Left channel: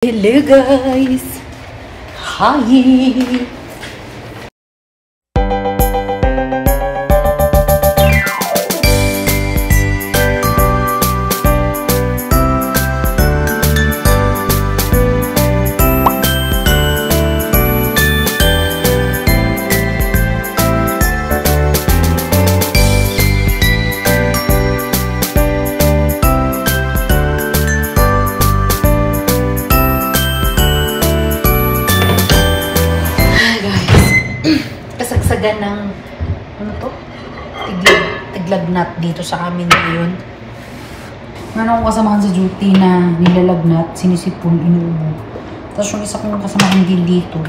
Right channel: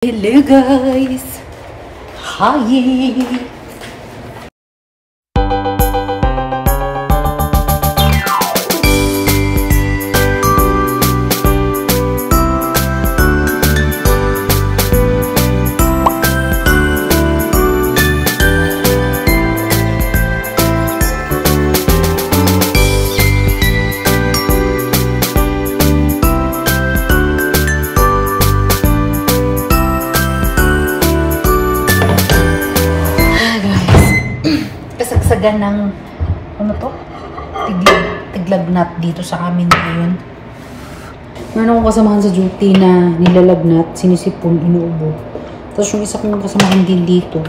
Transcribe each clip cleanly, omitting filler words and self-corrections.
Hello guys! Hi! Kasagsagan ng ano to? Tiglagnat dito sa amin ngayon. Meron akong kasamahan sa duty na nilalagnat, sinisipon, inuubo. Tapos yung isa kong kasamahan din dito.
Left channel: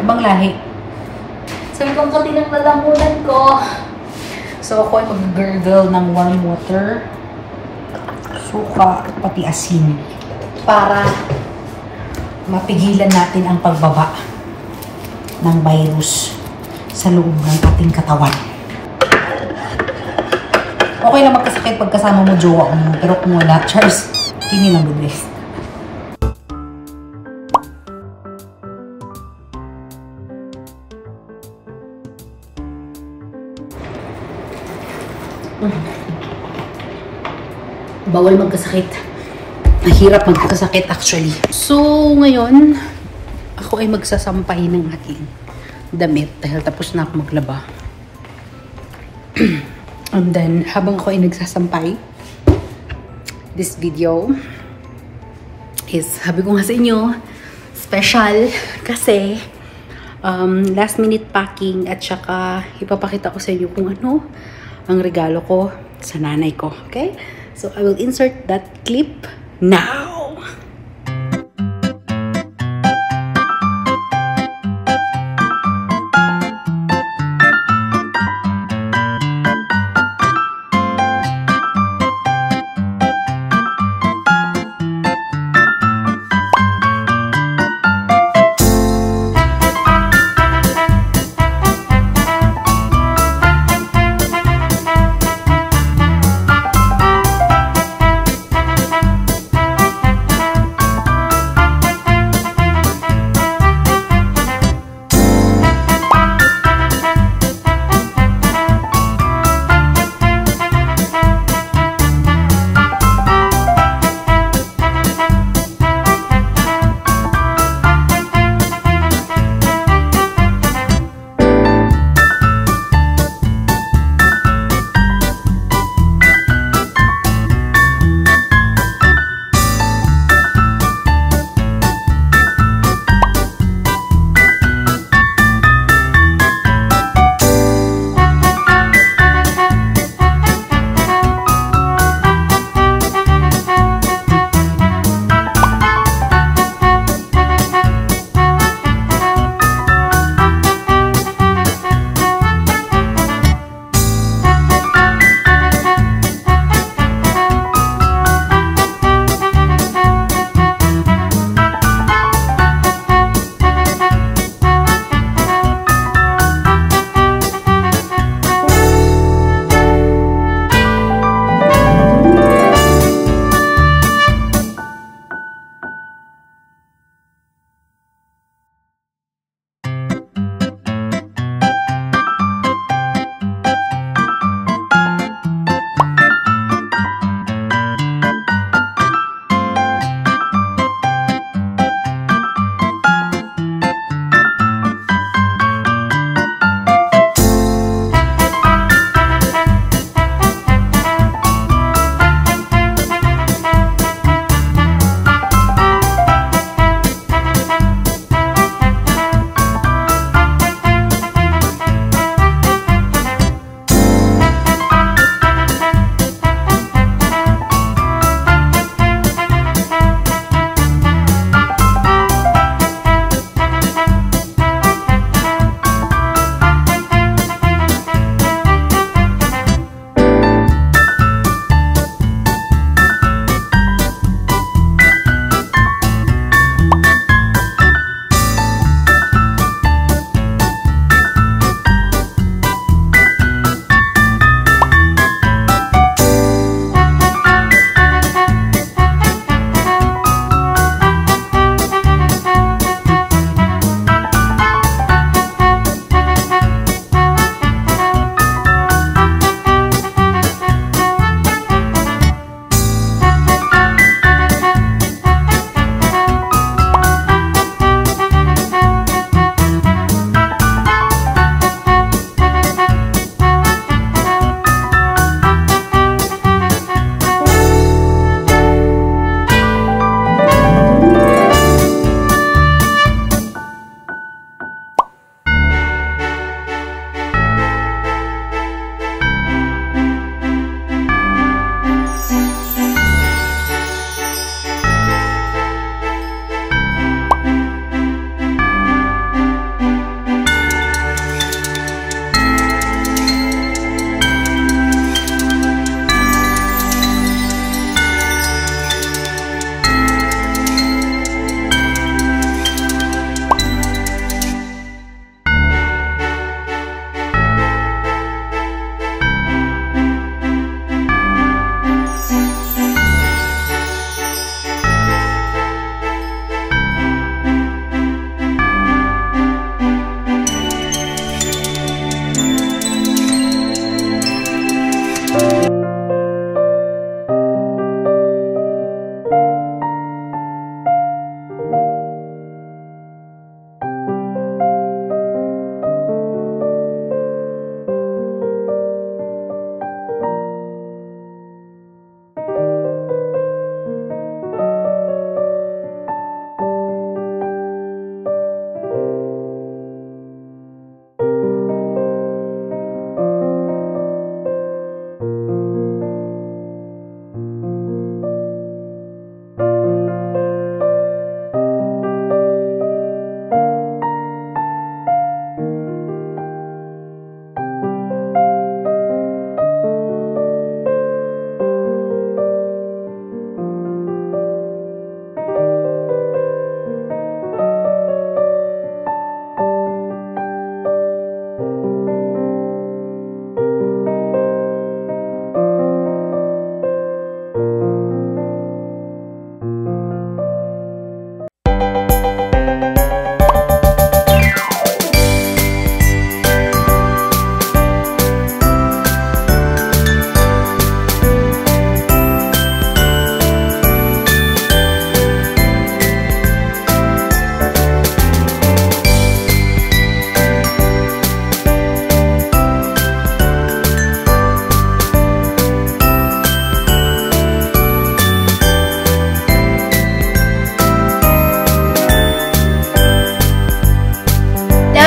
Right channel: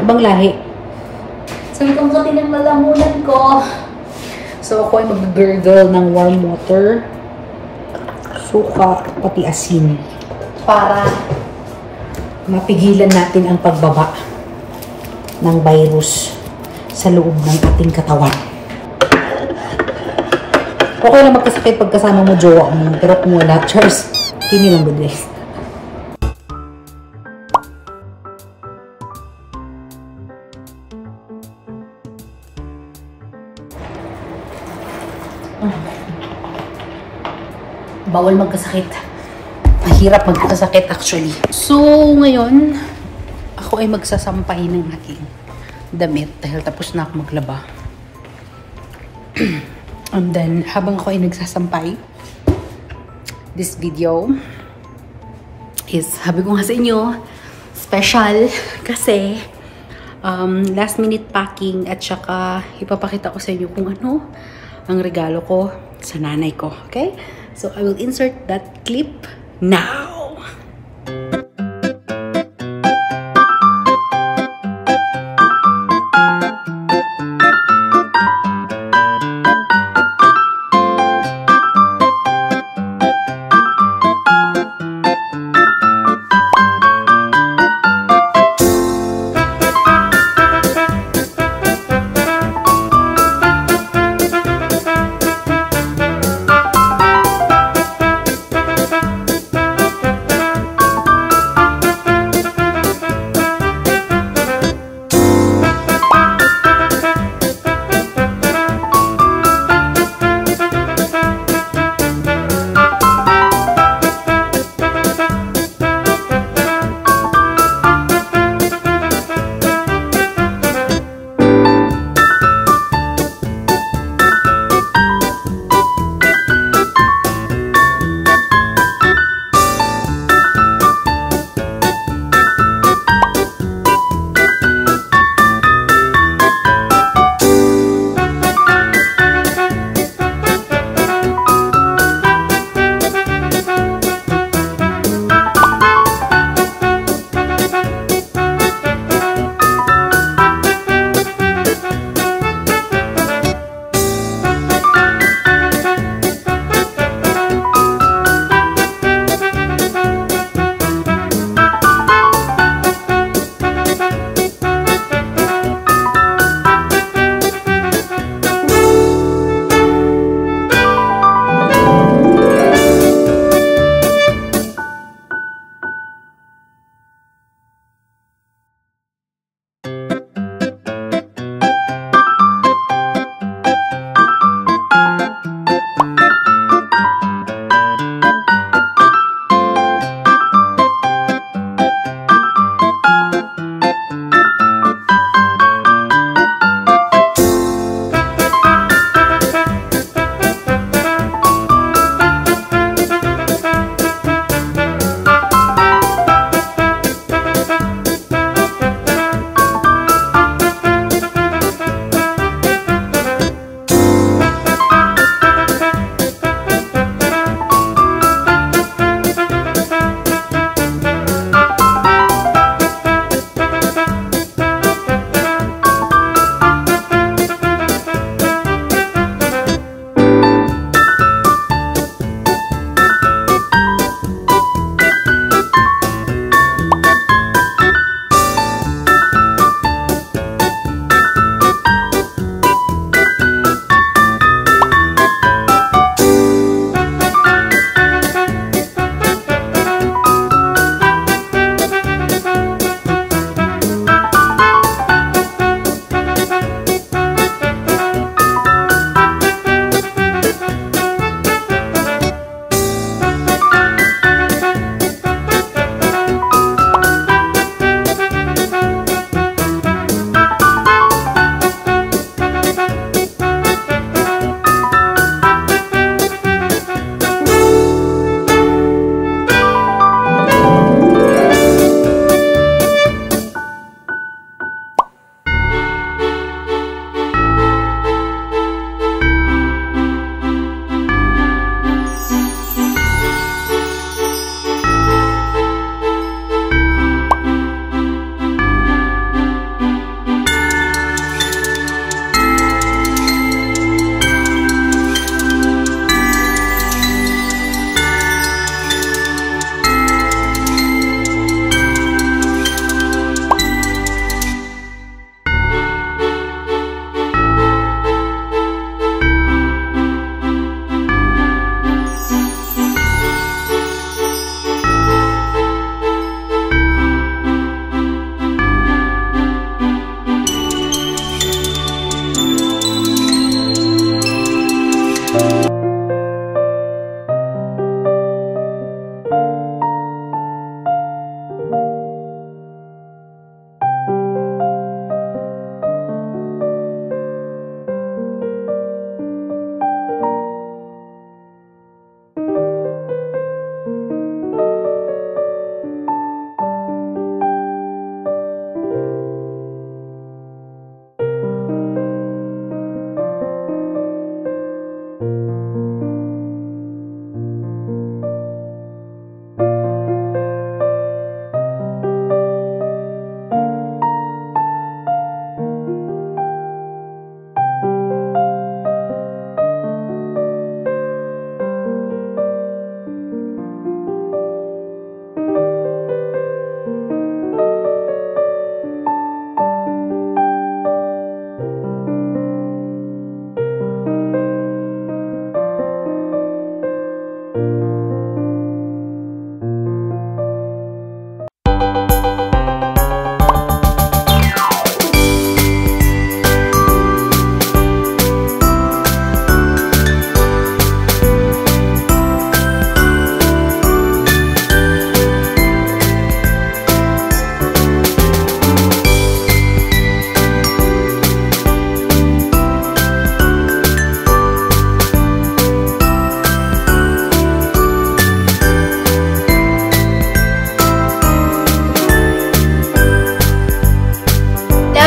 Ibang lahi. Sige kung pati ng lalamunan ko. So ako ay mag-gurgle ng warm water, suka, pati asin. Para mapigilan natin ang pagbaba ng virus sa loob ng ating katawan. Okay lang magkasakit pagkasama mo jowa mo, pero kung wala, Charles, hindi lang good ways. Bawal magkasakit. Mahirap magkasakit actually. So, ngayon, ako ay magsasampay ng aking damit dahil tapos na ako maglaba. And then, habang ako ay nagsasampay, this video is, sabi ko nga sa inyo, special kasi last minute packing at saka ipapakita ko sa inyo kung ano ang regalo ko sa nanay ko. Okay? So, I will insert that clip now.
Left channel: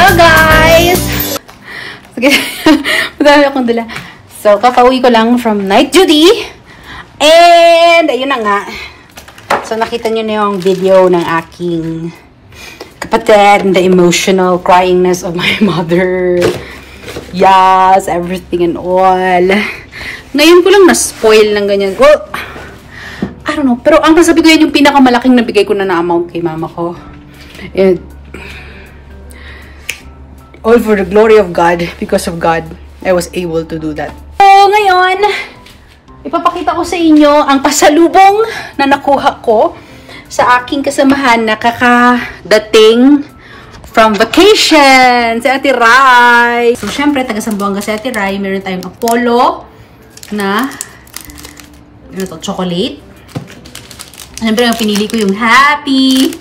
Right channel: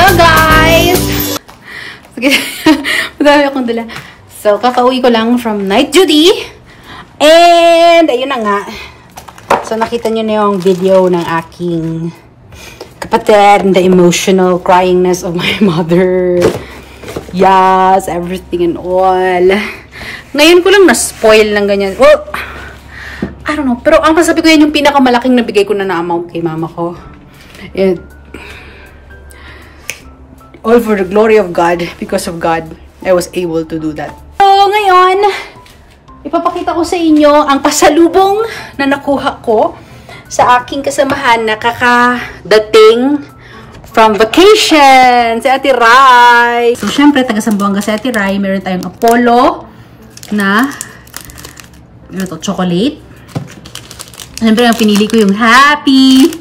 Hello guys! Sige, madami akong dala. So, kakauwi ko lang from night duty. And, ayun na nga. So, nakita nyo na yung video ng aking kapatid and the emotional cryingness of my mother. Yes, everything and all. Ngayon ko lang na-spoil ng ganyan. Well, I don't know. Pero ang masabi ko yan yung pinakamalaking nabigay ko na amount kay mama ko. And, all for the glory of God. Because of God, I was able to do that. So, ngayon, ipapakita ko sa inyo ang pasalubong na nakuha ko sa aking kasamahan na kakadating from vacation si Ate Rai. So, syempre, taga Zamboanga si Ate Rai. Meron tayong Apollo na chocolate. Siyempre, ang pinili ko yung Happy.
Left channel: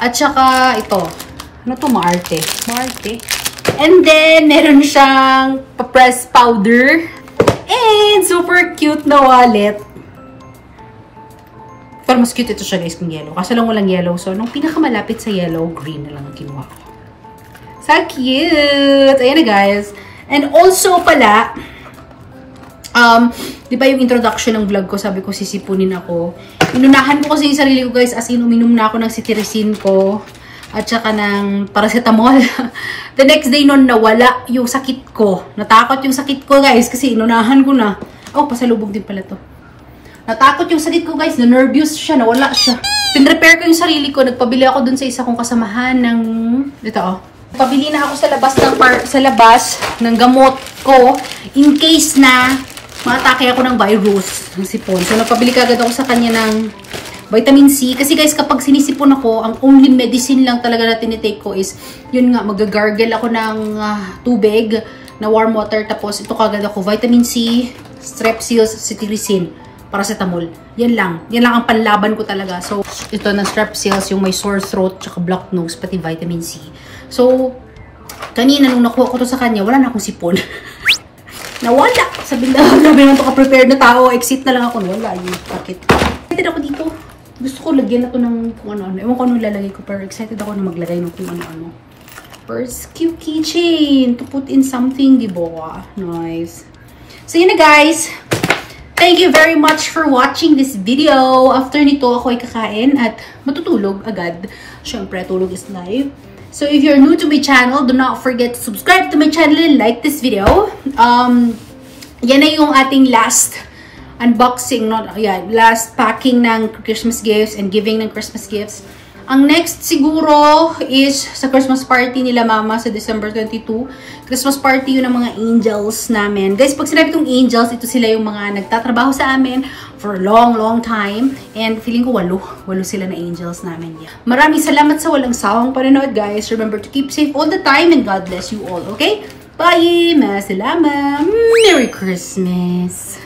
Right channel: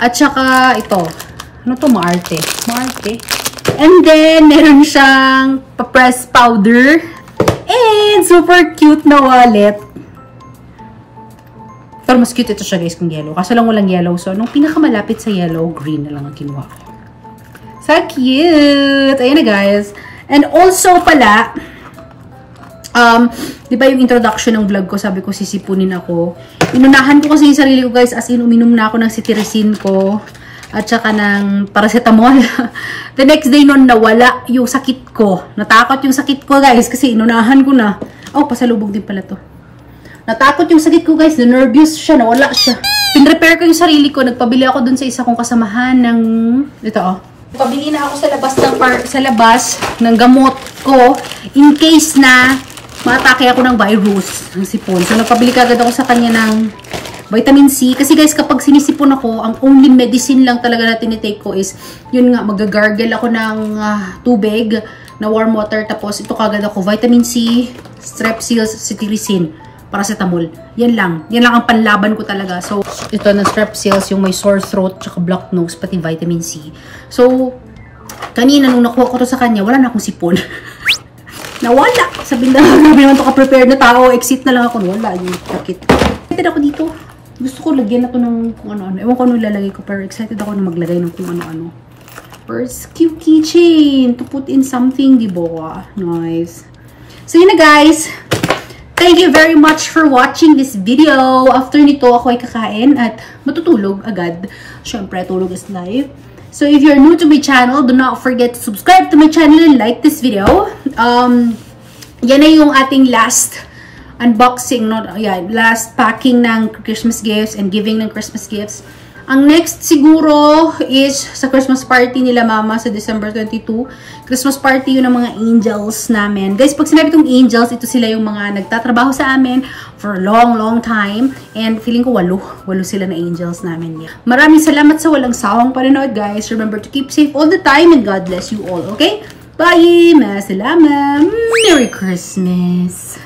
At saka, ito. Ano to? Maarte. Maarte. And then, meron siyang pa-press powder. And super cute na wallet. Pero mas cute ito siya guys kung yellow. Kaso lang walang yellow. So, nung pinakamalapit sa yellow, green na lang ang kinuha ko. So cute! Ayan na guys. And also pala, di ba yung introduction ng vlog ko, sabi ko sisipunin ako. Inunahan ko kasi yung sarili ko guys, as in uminom na ako ng cetirizine ko at saka ng paracetamol. The next day nun, nawala yung sakit ko. Natakot yung sakit ko guys kasi inunahan ko na. Oh, pasalubong din pala to. Natakot yung sakit ko guys, na-nervous siya, nawala siya. Pinrepair ko yung sarili ko, nagpabili ako dun sa isa kong kasamahan ng, ito oh. Pabili na ako sa labas ng gamot ko in case na matake ako ng virus, ng sipon. So, nagpabili kagad ako sa kanya ng vitamin C. Kasi guys, kapag sinisipon ako, ang only medicine lang talaga na tinitake ko is, yun nga, mag-gargle ako ng tubig na warm water. Tapos, ito kagad ako, vitamin C, strepsils, cetirizine, paracetamol. Yan lang. Yan lang ang panlaban ko talaga. So, ito na strepsils, yung may sore throat, tsaka blocked nose, pati vitamin C. So, kanina nung nakuha ko to sa kanya, wala na akong sipon. Nawala! Sabi naman to ka-prepare na tao, exit na lang ako. Wala yung sakit. Excited ako dito. Gusto ko lagyan na to ng kung ano-ano. Ewan ko ano ilalagay ko, pero excited ako na maglagay ng kung ano-ano. First, cute keychain to put in something, diba? Nice. So, yun na guys. Thank you very much for watching this video. After nito, ako ay kakain at matutulog agad. Siyempre, tulog is life. So, if you're new to my channel, do not forget to subscribe to my channel and like this video. Yan na yung ating last unboxing, last packing ng Christmas gifts and giving ng Christmas gifts. Ang next siguro is sa Christmas party nila mama sa December 22. Christmas party yun ng mga angels namin. Guys, pag sinabi kong angels, ito sila yung mga nagtatrabaho sa amin for a long time. And feeling ko walo sila na angels namin. Yeah. Maraming salamat sa walang sawang panonood guys. Remember to keep safe all the time and God bless you all, okay? Bye! Masalamat! Merry Christmas!